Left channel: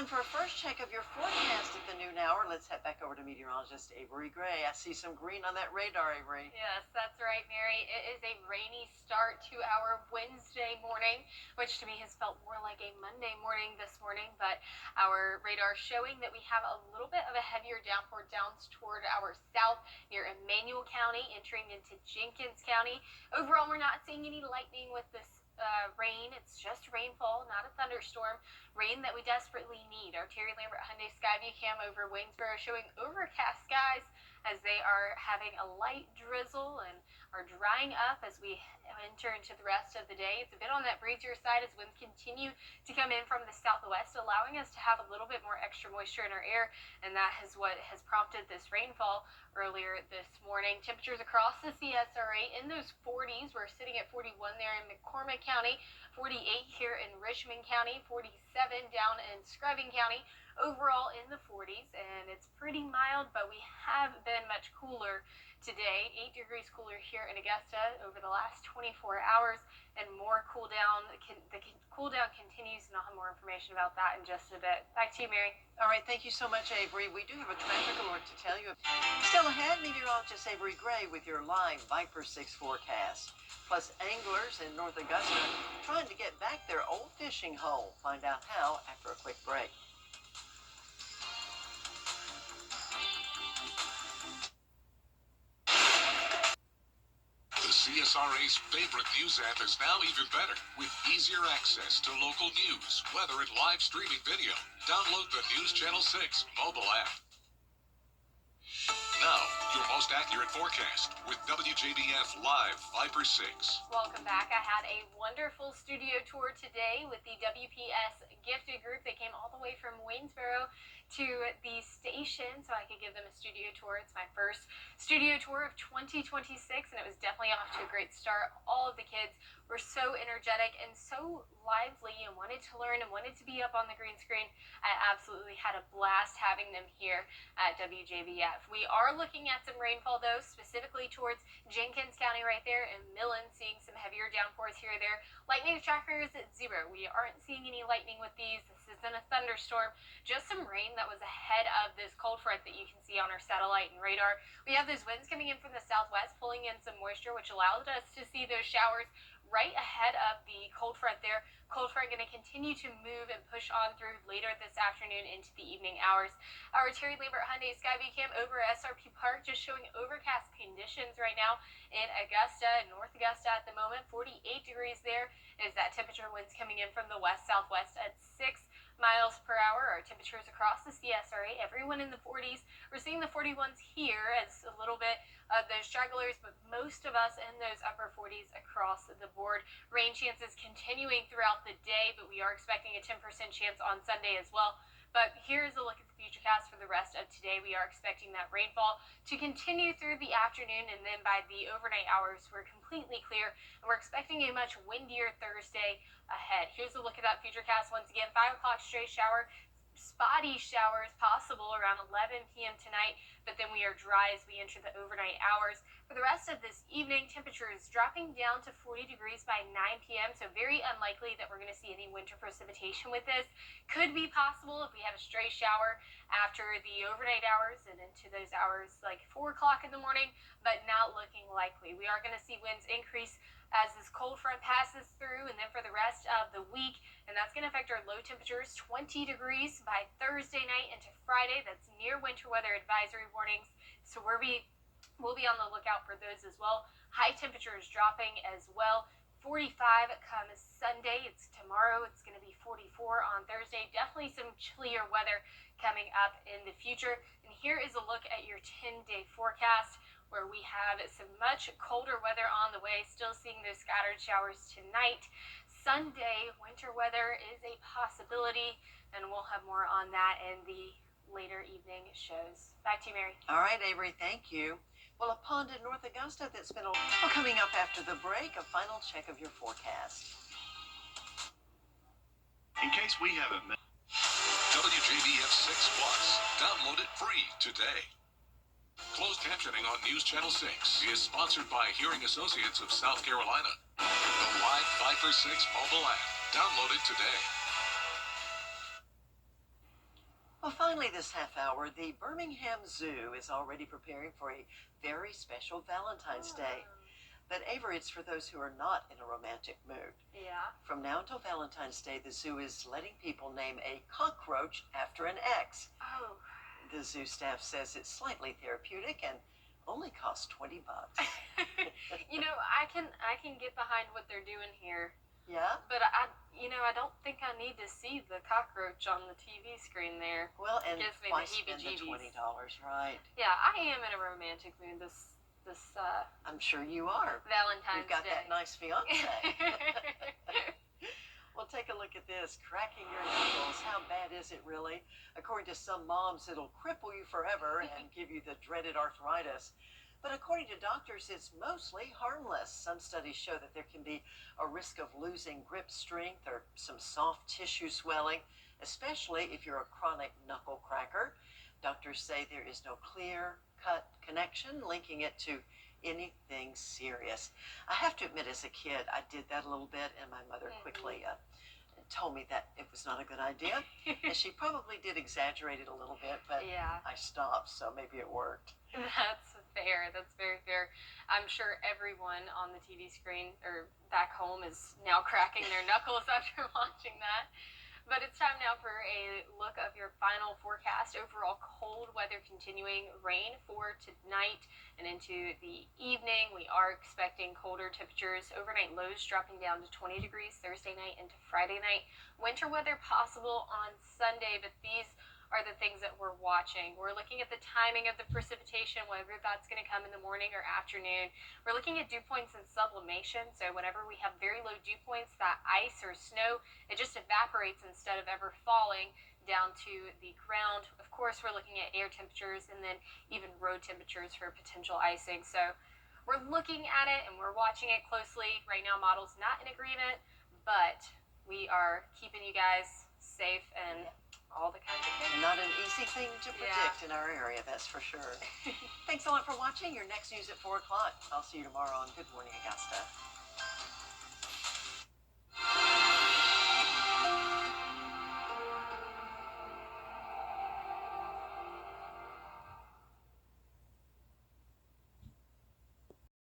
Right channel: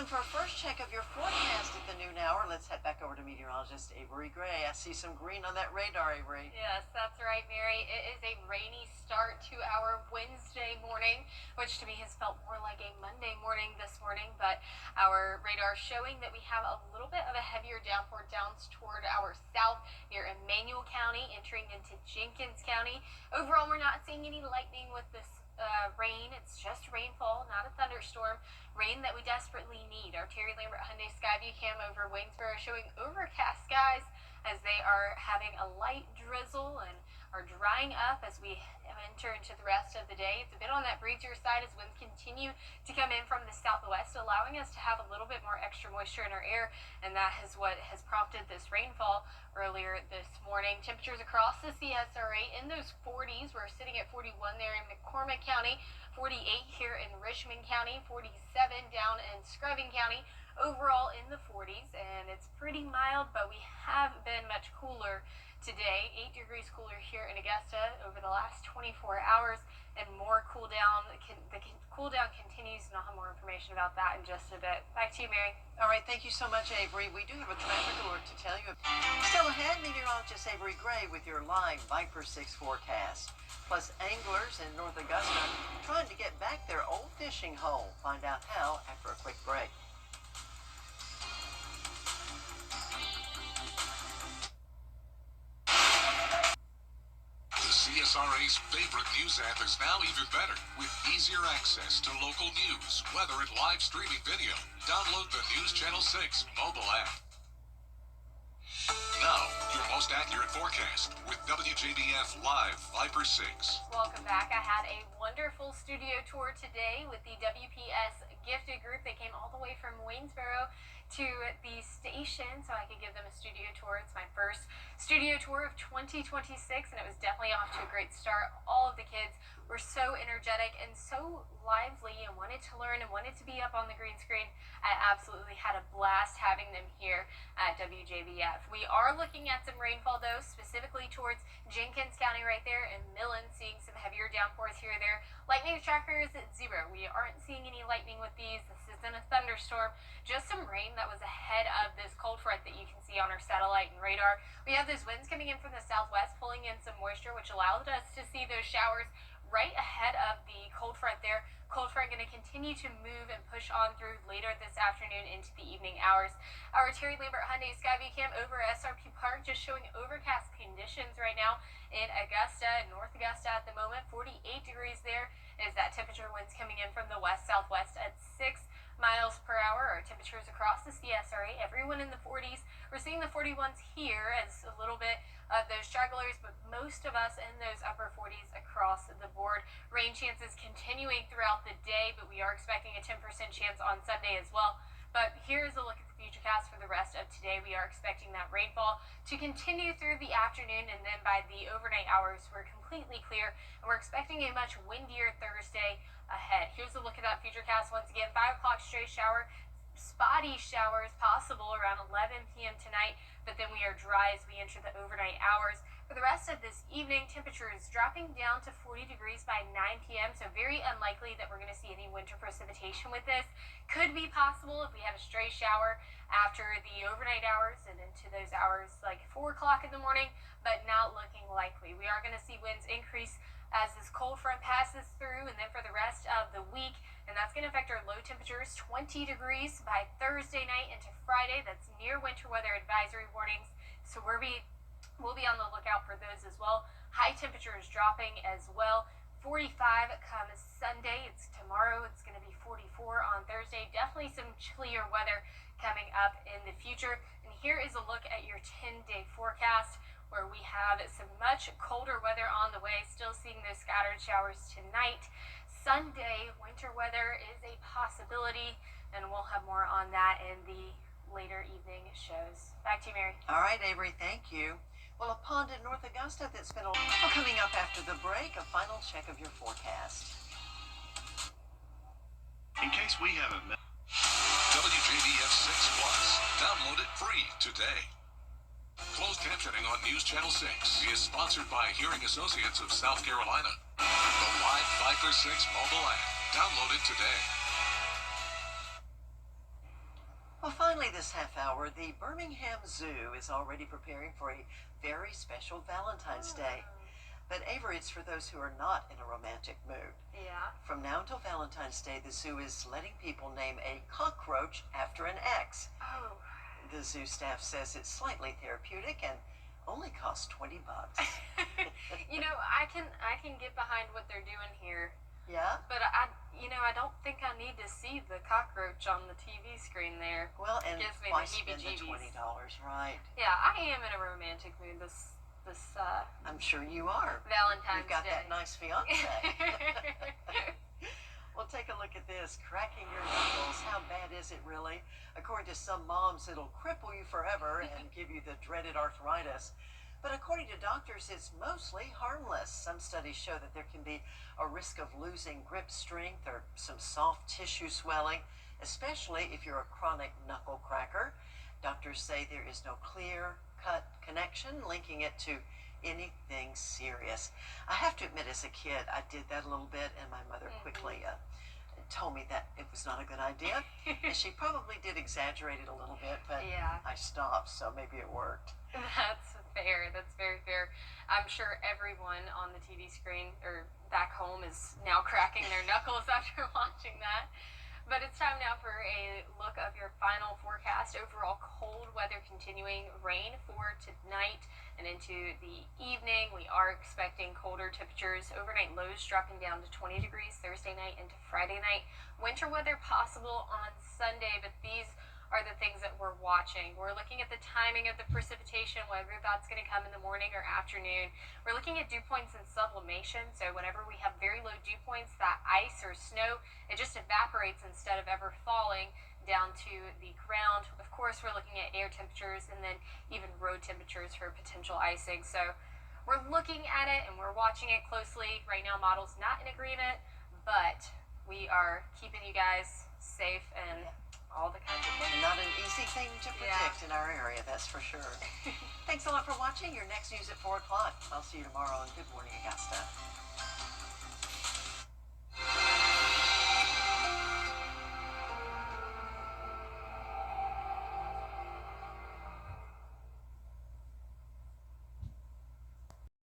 time for a first check of your forecast at the noon hour. Let's head back over to meteorologist Avery Gray. I see some green on that radar, Avery. Yes, that's right, Mary. It is a rainy start to our Wednesday morning, which to me has felt more like a Monday morning this morning, but our radar showing that we have a little bit of a heavier downpour downs toward our south near Emmanuel County, entering into Jenkins County. Overall, we're not seeing any lightning with this rain. It's just rainfall, not a thunderstorm. Rain that we desperately need. Our Terry Lambert Hyundai Skyview cam over Waynesboro showing overcast skies as they are having a light drizzle and are drying up as we enter into the rest of the day. It's a bit on that breezier side as winds continue to come in from the southwest, allowing us to have a little bit more extra moisture in our air, and that is what has prompted this rainfall earlier this morning. Temperatures across the CSRA in those 40s. We're sitting at 41 there in McCormick County, 48 here in Richmond County, 47 down in Scrubbing County. Overall in the 40s, and it's pretty mild, but we have been much cooler today. 8 degrees cooler here in Augusta over the last 24 hours, and more cool down. The cool down continues, and I'll have more information about that in just a bit. Back to you, Mary. All right, thank you so much, Avery. We do have a traffic alert to tell you. Still ahead, meteorologist Avery Gray with your live Viper 6 forecast. Plus, anglers in North Augusta trying to get back their old fishing hole. Find out how after a quick break. CSRA's favorite news app is now even better with easier access to local news, weather, and live streaming video. Download the News Channel 6 mobile app. Now, your most accurate forecast with WJBF Live Viper 6. Welcome back. I had a wonderful studio tour today with the WPS Gifted Group. They came all the way from Waynesboro to the station so I could give them a studio tour. It's my first studio tour of 2026, and it was definitely off to a great start. All of the kids were so energetic and so lively and wanted to learn and wanted to be up on the green screen. I absolutely had a blast having them here at WJBF. We are looking at some rainfall, though, specifically towards Jenkins County right there and Millen, seeing some heavier downpours here or there. Lightning tracker is at 0. We aren't seeing any lightning with these. This isn't a thunderstorm, just some rain that was ahead of this cold front that you can see on our satellite and radar. We have those winds coming in from the southwest, pulling in some moisture, which allowed us to see those showers right ahead of the cold front there. Cold front going to continue to move and push on through later this afternoon into the evening hours. Our Terry Lambert Hyundai Skyview cam over SRP Park just showing overcast conditions right now in Augusta, North Augusta at the moment. 48 degrees there is that temperature. Winds coming in from the west-southwest at 6 miles per hour. Our temperatures across the CSRA, everyone in the 40s. We're seeing the 41s here as a little bit of those stragglers, but most of us in those upper 40s across the board. Rain chances continuing throughout the day, but we are expecting a 10% chance on Sunday as well. But here's a look at the futurecast for the rest of today. We are expecting that rainfall to continue through the afternoon, and then by the overnight hours, we're completely clear, and we're expecting a much windier Thursday ahead. Here's a look at that futurecast once again. 5 o'clock stray shower. Spotty showers possible around 11 p.m. tonight, but then we are dry as we enter the overnight hours. For the rest of this evening, temperatures dropping down to 40 degrees by 9 p.m., so very unlikely that we're going to see any winter precipitation with this. Could be possible if we have a stray shower after the overnight hours and into those hours like 4 o'clock in the morning, but not looking likely. We are going to see winds increase as this cold front passes through, and then for the rest of the week, and that's going to affect our low temperatures, 20 degrees by Thursday night into Friday. That's near winter weather advisory warnings, so we'll be on the lookout for those as well. High temperatures dropping as well. 45 comes Sunday. It's tomorrow. It's going to be 44 on Thursday. Definitely some chillier weather coming up in the future. And here is a look at your 10-day forecast, where we have some much colder weather on the way. Still seeing those scattered showers tonight. Sunday, winter weather is a possibility, and we'll have more on that in the later evening shows. Back to you, Mary. All right, Avery, thank you. Well, a pond in North Augusta that's been coming up after the break, a final check of your forecast. In case we haven't met. WJBF 6 Plus. Download it free today. Closed captioning on News Channel 6 is sponsored by Hearing Associates of South Carolina. The live Viper 6 mobile app. Download it today. Well, finally, this half hour, the Birmingham Zoo is already preparing for a very special Valentine's Day. But Avery, it's for those who are not in a romantic mood. Yeah. From now until Valentine's Day, the zoo is letting people name a cockroach after an ex. Oh. The zoo staff says it's slightly therapeutic and only costs $20. I can get behind what they're doing here. Yeah? But I don't think I need to see the cockroach on the TV screen there. Well, and Gives me why the spend the heebie-jeebies. $20, right? Yeah, I am in a romantic mood this I'm sure you are. Valentine's You've got Day. that nice fiance. Well, take a look at this. Cracking your knuckles. How bad is it, really? According to some moms, it'll cripple you forever and give you the dreaded arthritis. But according to doctors, it's mostly harmless. Some studies show that there can be a risk of losing grip strength or some soft tissue swelling, especially if you're a chronic knuckle cracker. Doctors say there is no clear-cut connection linking it to anything serious. I have to admit, as a kid, I did that a little bit, and my mother quickly told me that it was not a good idea. And she probably did exaggerate it a little bit, but Yeah. I stopped, so maybe it worked. That's fair. That's very fair. I'm sure everyone on the TV screen or back home is now cracking their knuckles after watching that. But it's time now for a look of your final forecast. Overall cold weather continuing, rain for tonight and into the evening. We are expecting colder temperatures. Overnight lows dropping down to 20 degrees Thursday night into Friday night. Winter weather possible on Sunday, but these are the things that we're watching. We're looking at the timing of the precipitation, whether that's going to come in the morning or afternoon. We're looking at dew points and sublimation. So whenever we have very low dew points, that ice or snow, it just evaporates instead of ever falling down to the ground. Of course, we're looking at air temperatures and then even road temperatures for potential icing. So we're looking at it and we're watching it closely. Right now, model's not in agreement, but we are keeping you guys safe and all the kinds of things. Not an easy thing to predict in our area, that's for sure. Thanks a lot for watching. Your next news at 4 o'clock. I'll see you tomorrow on Good Morning Augusta.